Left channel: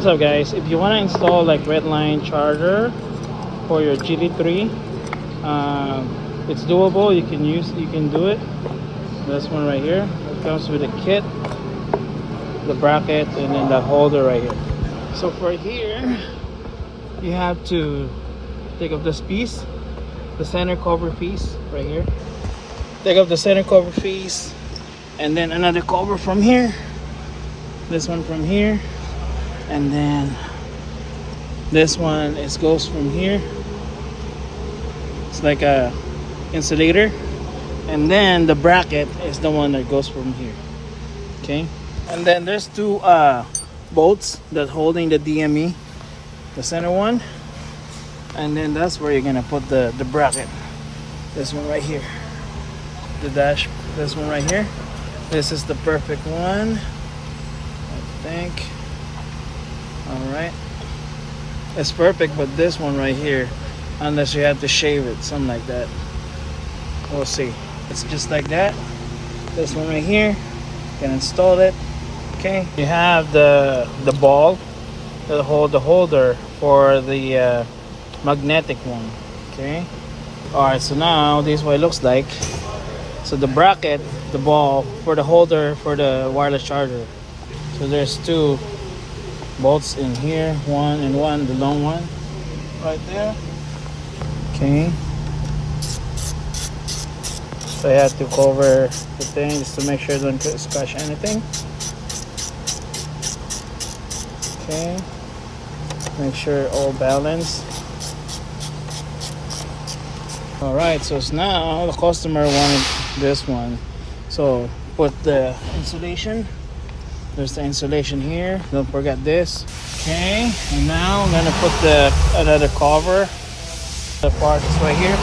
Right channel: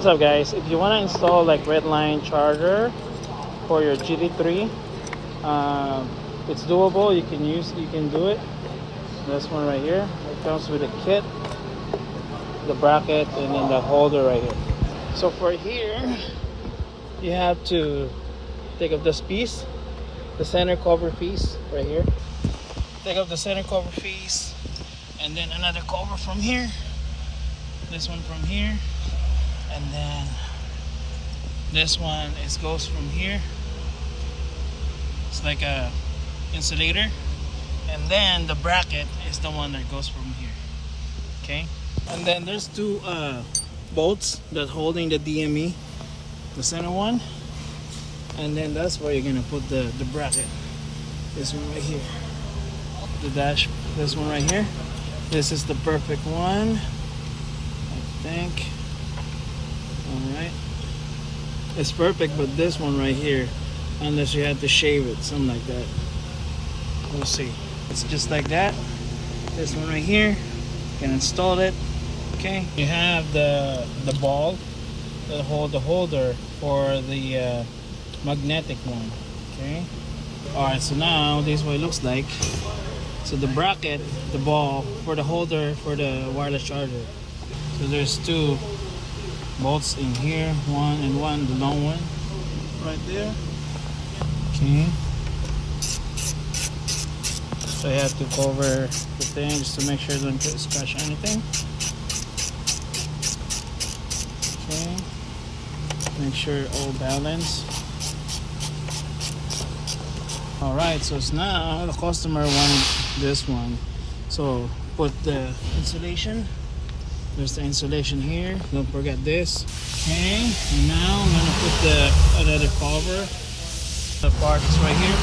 What's up guys, if you want to install like RENNLINE charger for your GT3, it's doable. You can do it. This one right here, it comes with a kit, the bracket, and then the holder right here. So for here, you have to take off this piece, the center cover piece right here. Take off the center cover piece, and then another cover from here, this one from here, and then this one goes from here. It's like a insulator, and then the bracket is the one that goes from here. Okay, and then there's two bolts that holding the DME, the center one, and then that's where you're gonna put the bracket. This one right here, the dash, this one right here. This is the perfect one, I think. All right, it's perfect, but this one right here, unless you have to shave it, something like that, we'll see. It's just like that. This one right here, you can install it. Okay, you have the ball that hold the holder for the magnetic one. Okay, all right, so now this is what it looks like. So the bracket, the ball for the holder for the wireless charger. So there's two bolts in here, one and one, the long one right there. Okay, so I have to cover the thing just to make sure it don't scratch anything. Okay, make sure all balanced. All right, so it's now the customer wanted this one, so put the insulation. There's the insulation here, don't forget this. Okay, and now I'm gonna put the another cover. The part is right here,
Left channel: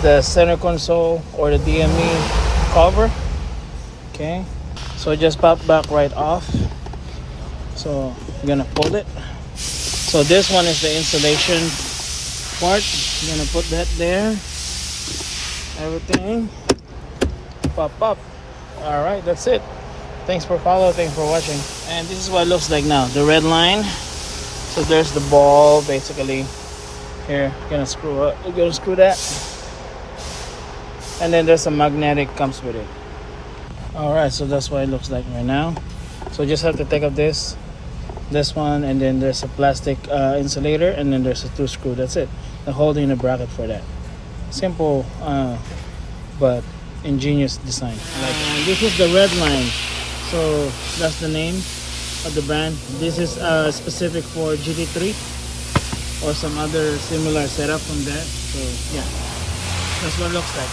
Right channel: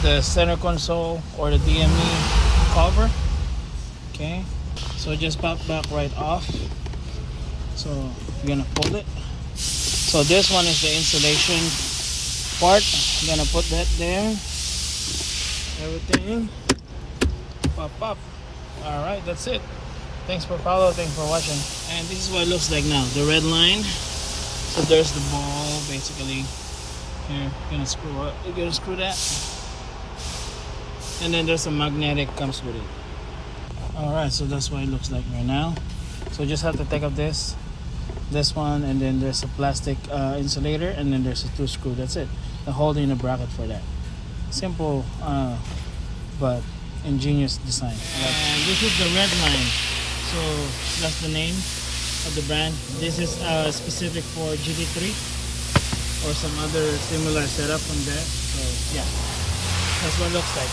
the center console or the DME cover. Okay, so just pop back right off. So I'm gonna pull it. So this one is the insulation part. I'm gonna put that there. Everything pop up. All right, that's it. Thanks for following, thanks for watching. And this is what it looks like now, the RENNLINE. So there's the ball basically here. Gonna screw up, we're gonna screw that, and then there's a magnetic comes with it. All right, so that's what it looks like right now. So just have to take up this one, and then there's a plastic insulator, and then there's a two screw. That's it. I'm holding a bracket for that. Simple but ingenious design. This is the RENNLINE, so that's the name of the brand. This is specific for GT3 or some other similar setup from that. So yeah, that's what it looks like.